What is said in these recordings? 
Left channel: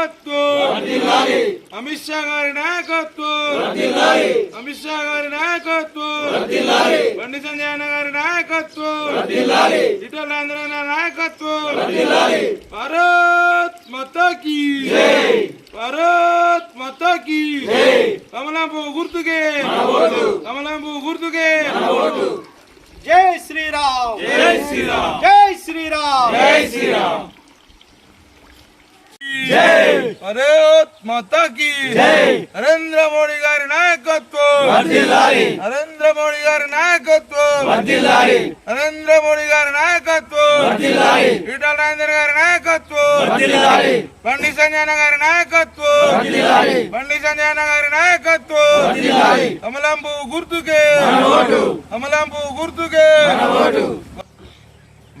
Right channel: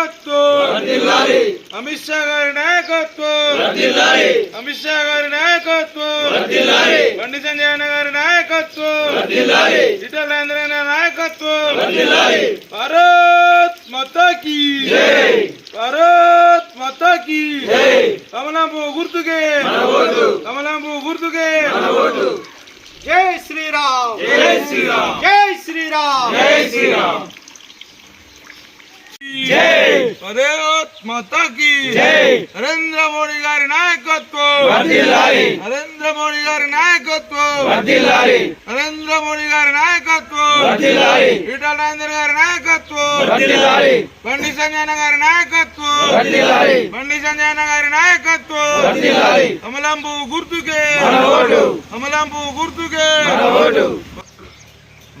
నాయకత్వం, అమిత్ షా గారి నాయకత్వం, అమిత్ షా గారి నాయకత్వం, బండి సంజయ్ అన్న గారి నాయకత్వం, ఈటల రాజేందర్ అన్న నాయకత్వం, భారత్ మాతా కీ జై, భారత్ మాతా కీ జై, కమలంపు గుర్తుకే కమలంపు గుర్తుకే జై శ్రీరామ్, జై శ్రీరామ్, జై శ్రీరామ్, జై శ్రీరామ్, జై భారత్ మాతా కీ జై, నరేంద్ర మోడీ గారి నాయకత్వం వర్ధిల్లాలి, నరేంద్ర మోడీ గారి నాయకత్వం వర్ధిల్లాలి, నరేంద్ర మోడీ గారి నాయకత్వం వర్ధిల్లాలి, ఈటల రాజేందర్ గారి నాయకత్వం వర్ధిల్లాలి, బండి సంజయ్ అన్న గారి నాయకత్వం వర్ధిల్లాలి, బండి సంజయ్ అన్న గారి నాయకత్వం వర్ధిల్లాలి, కమలంపు గుర్తుకే మన ఓటు, కమలంపు గుర్తుకే మన vote.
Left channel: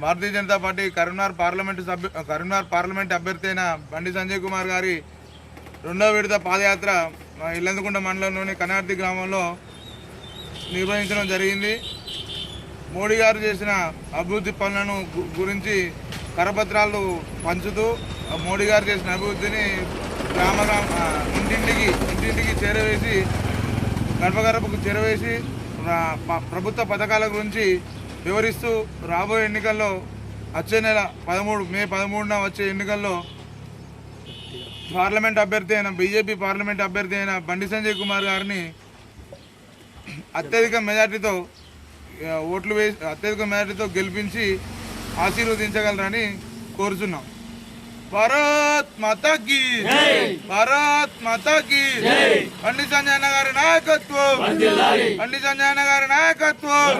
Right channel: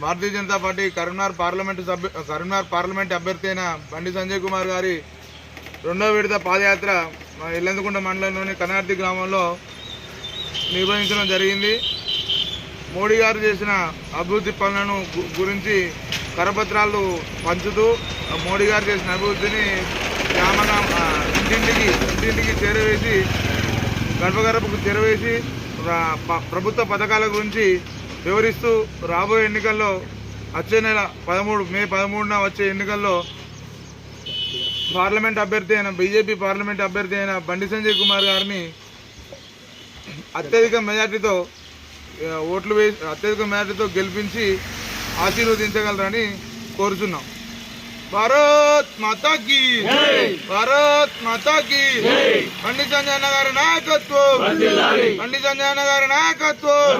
Bharatiya Janata party Karimnagar parliament అభ్యర్థి అయిన బండి సంజయ్ కుమార్ గారి రెండవ విడత పాదయాత్ర ఇల్లందుకుంట మండలంలోని కనార్తి గ్రామంలో నిర్వహించడం జరిగింది. మోడీ గారు చేసిన అభివృద్ధి పనులను గురించి కరపత్రాలు పంచుతూ మోడీ గారు చేసిన అభివృద్ధిని ఇంటింటికి చేరవేసి గడపకు చేరవేసి ప్రభుత్వ పథకాల గురించి వివరిస్తూ రాబోయే ఎన్నికల్లో వచ్చే నెల మే 13న వచ్చే ఎన్నికల్లో బీజేపీ పార్లమెంట్ అభ్యర్థి అయిన బండి సంజయ్ కుమార్ గారిని అత్యధిక మెజార్టీతో గెలిపించి ఆశీర్వదించగలరని కోరుతున్నాం. భారత్ మాతా కీ జై, భారత్ మాతా కీ జై, బండి సంజయ్ అన్న గారి నాయకత్వం, బండి సంజయ్ అన్న గారి నాయకత్వం.